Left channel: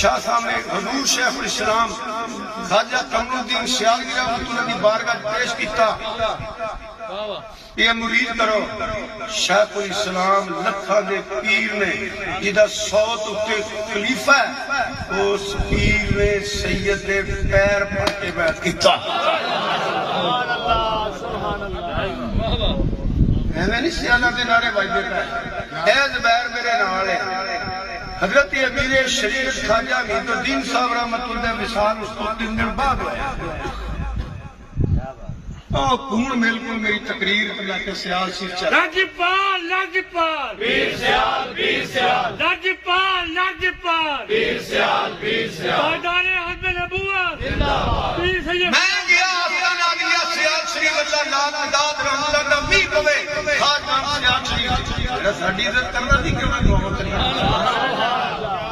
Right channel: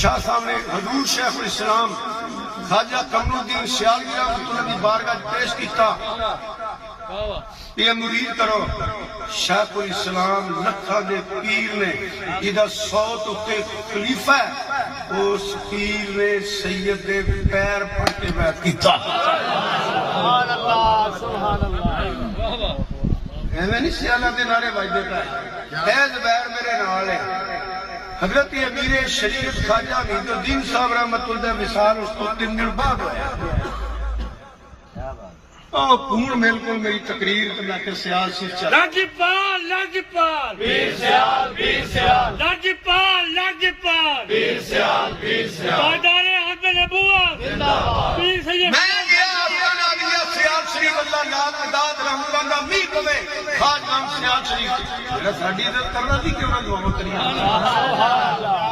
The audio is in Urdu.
شاہ صاحب نے حضور شیخ الاسلام خواجہ قمر الدین سیالوی رحمۃ اللہ کی بارگاہ پیش کیتا، یہ مرید کرو شیخ الاسلام لکھاں دے پیر نے جدا صوت اتے خلیفہ ہے، اس پیر نے سید دے پیر پڑھ کے بیعت کیتا۔ سبحان اللہ سبحان اللہ۔ ایویں نہیں سیالہ دے نعرے بجدے پے، اے زبیر میرے نال ہے۔ حضرت امیر شریعت خواجہ حمید الدین صاحب رحمۃ اللہ وصال اس کو 3 دن بعد ہوا۔ کون میل کو میری تقریر اللہ کے سیال سے چل لاجپال لاجپال ویر سیال ویر سیال لاجپال لاجپال ویر سیال ویر سیال پادارے حضرت نبوت زندہ باد۔ پیر سید میں گیا افغانہ دیا سیال شریف اللہ نام داد رحمت اللہ کا می پوے خاج نام سیال شریف ساڈی عزت کرنا نہیں کرنا دعا کرنا۔